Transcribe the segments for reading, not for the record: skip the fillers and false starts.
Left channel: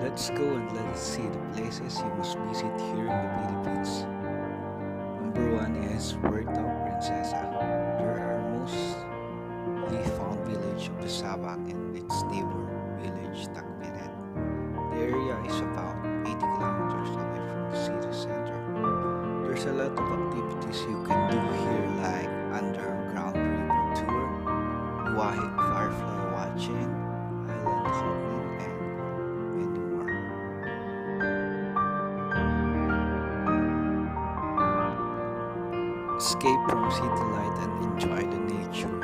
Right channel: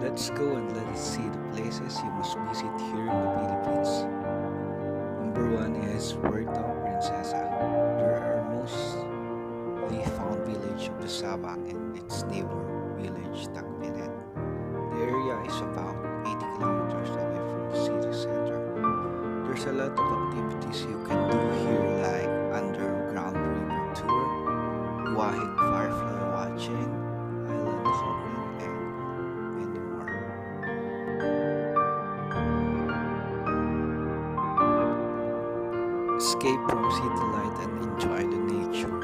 Let's go and let us see the places you must visit here in the Philippines. Number one is Puerto Princesa. There are mostly found village of the Sabang and its neighbor village Tagbinet. The area is about 80 kilometers away from the city center. There's a lot of activities you can do here like underground river tour, Wahig firefly watching, island hopping, and many more. Escape from city light and enjoy the nature.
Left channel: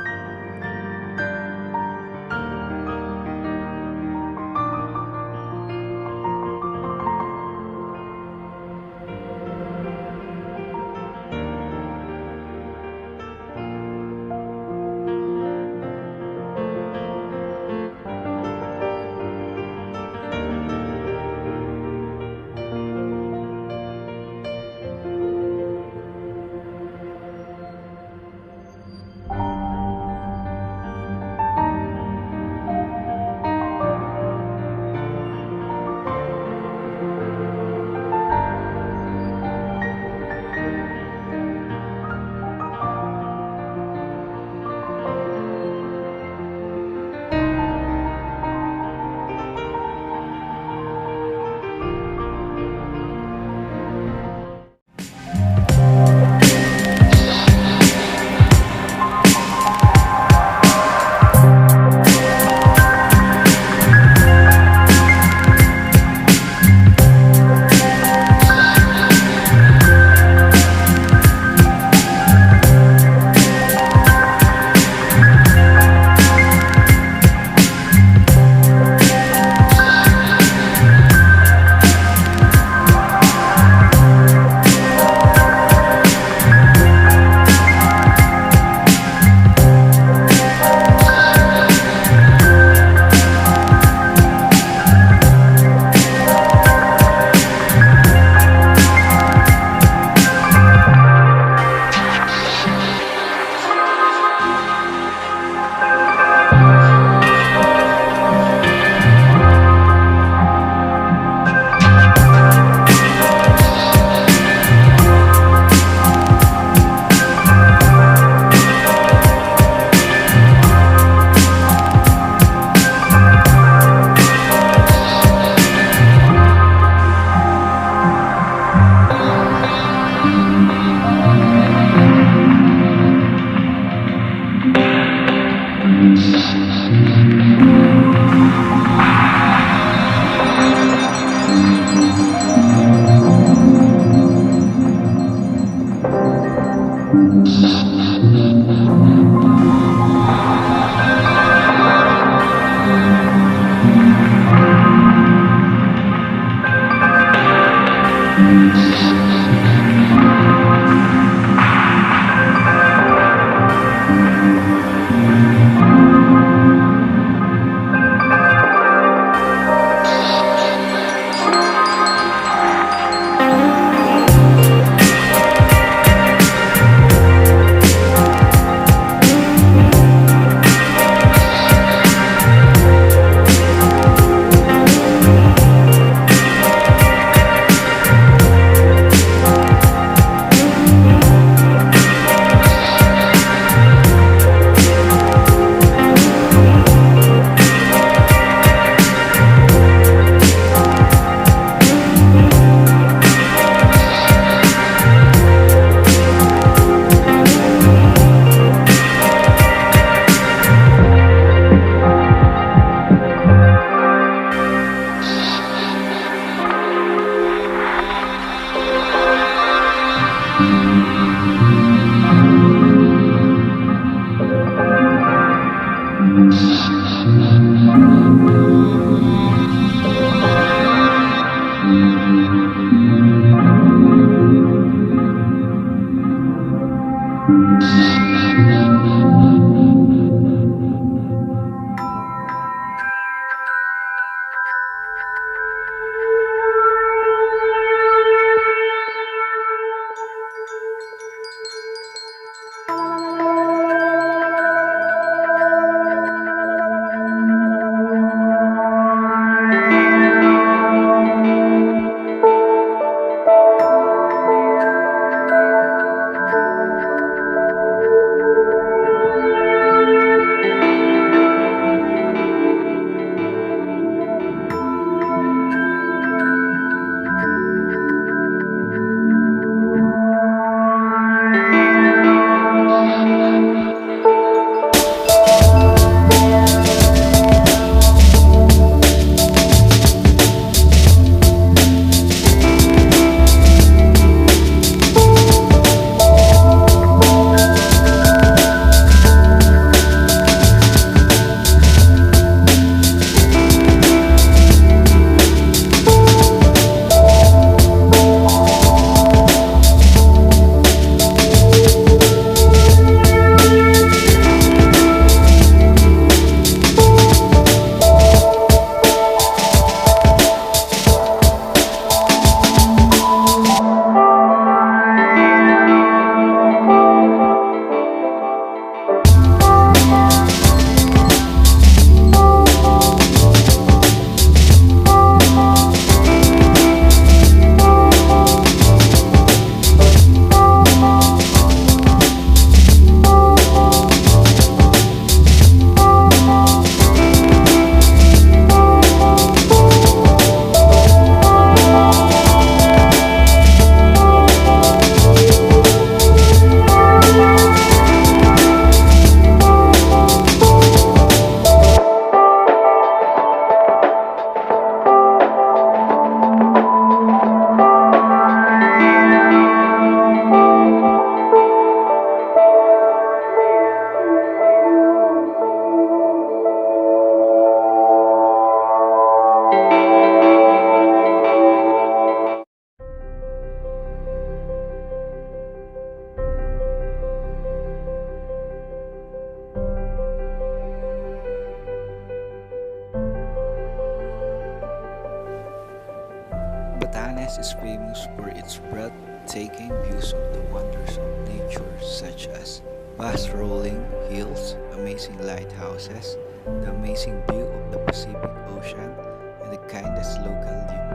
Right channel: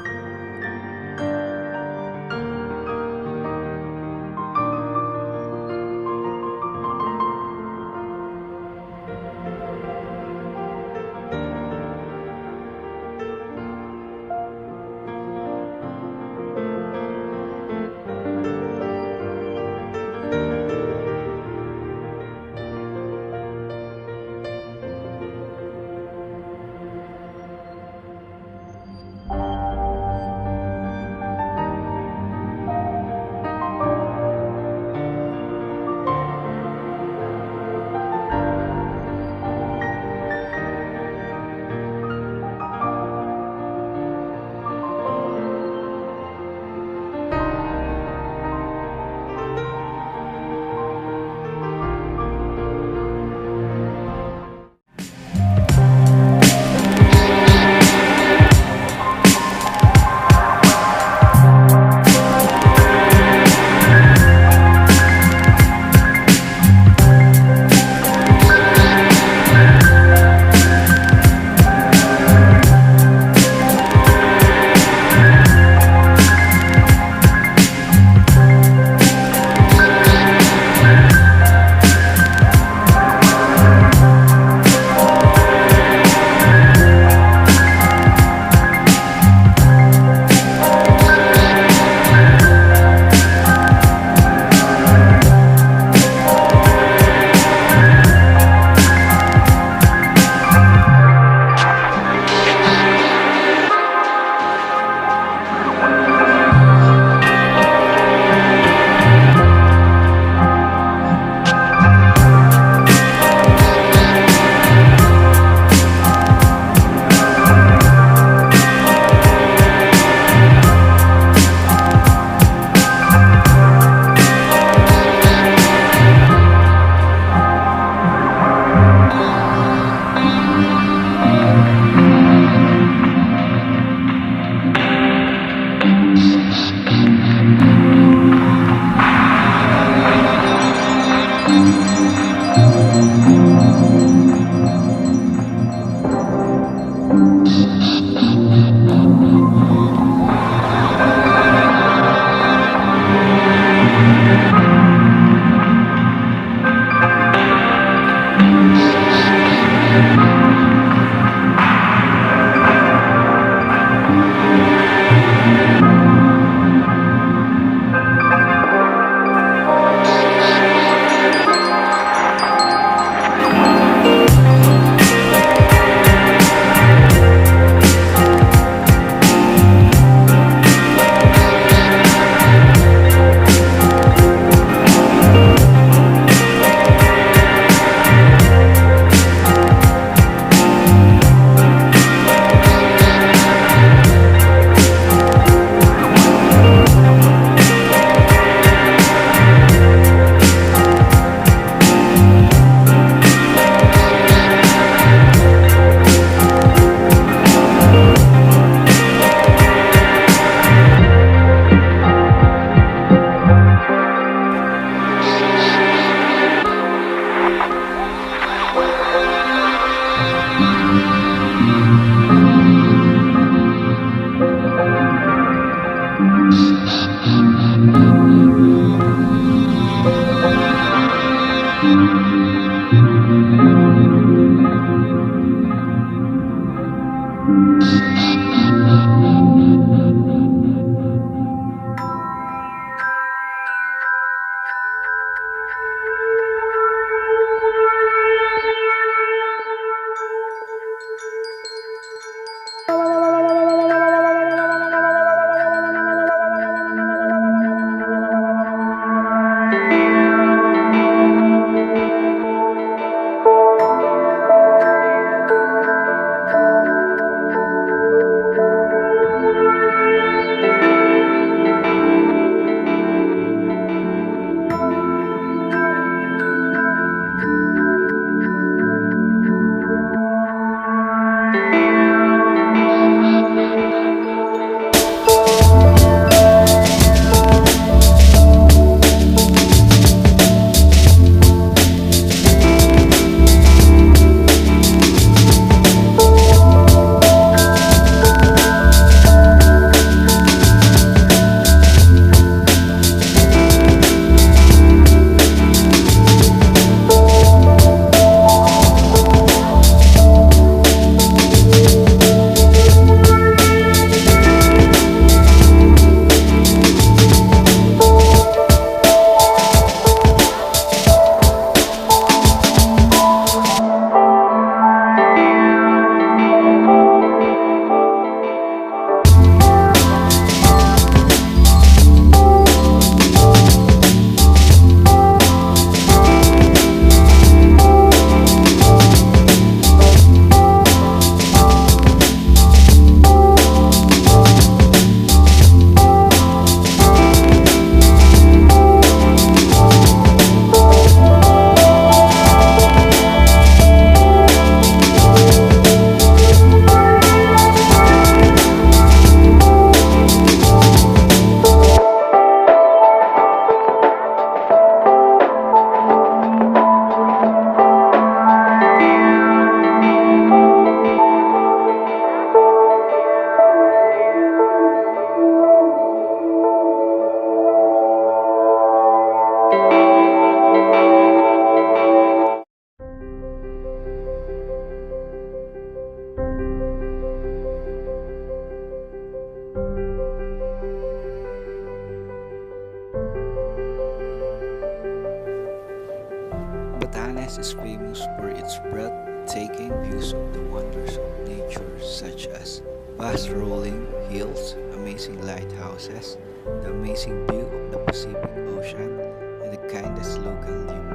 Batanes is famous for its breathtaking views of the wonders of nature, such as vast rolling hills, amazing lighthouses, the amazing view of the Pacific Ocean, and the kindest local